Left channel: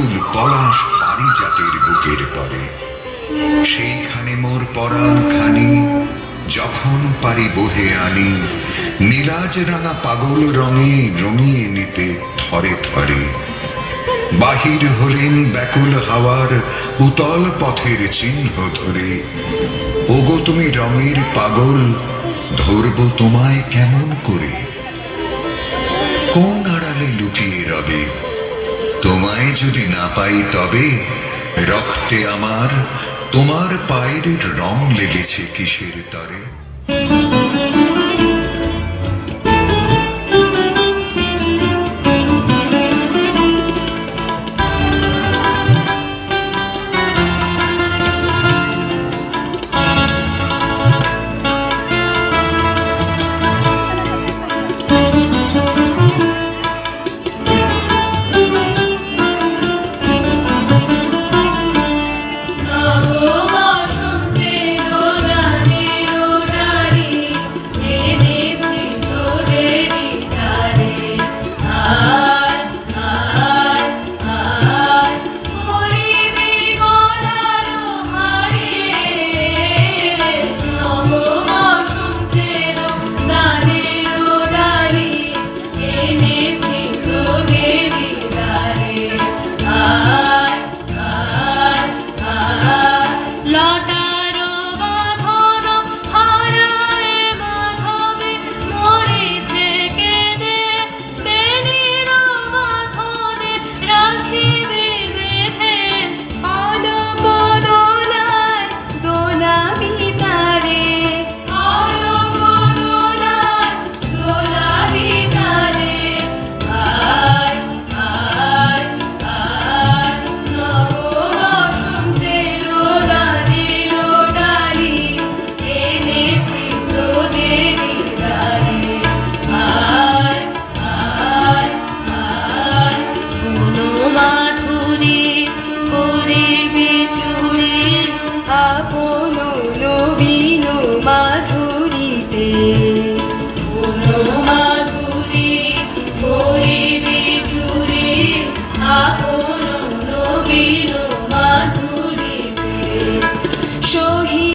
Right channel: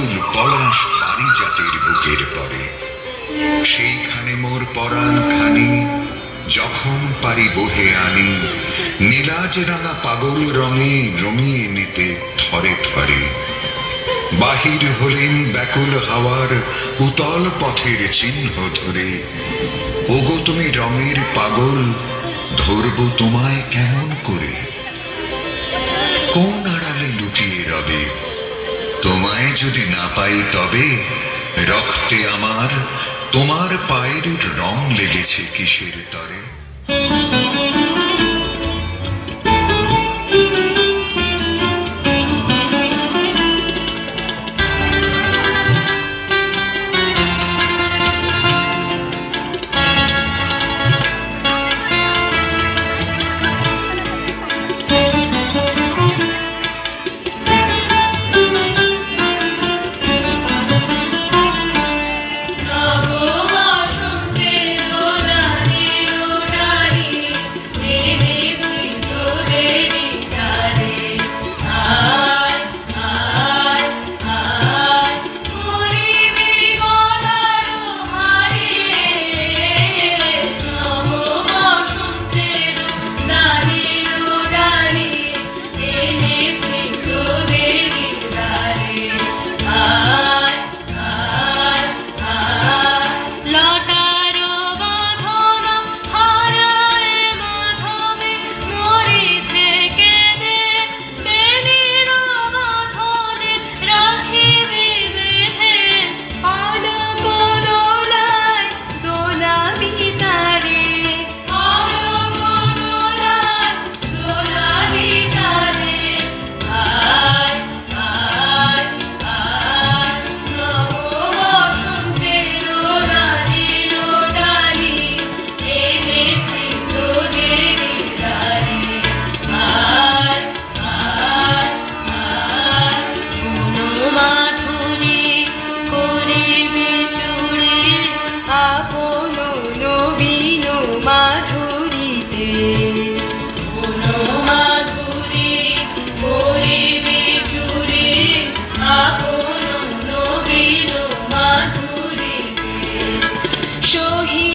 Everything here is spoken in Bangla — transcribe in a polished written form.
আকুল পলাশ পারিজাতের বুকের পরে। সেইখানে মোর পরাণ খানি যখন পারি বহে আনি, নীলাজ রাঙা পাগল রঙে রঙিয়ে নিতে থরে থরে। বাহির হলেন ব্যাকুল হাওয়ার উতল পথের চিহ্ন ধরে। ওগো তুমি রঙের পাগল, ধরব তোমায় কেমন করে? কোন আড়ালে লুকিয়ে রবে, তোমায় যদি না পাই তবে? রক্তে আমার তোমার পায়ের রং লেগেছে কিসের তরে?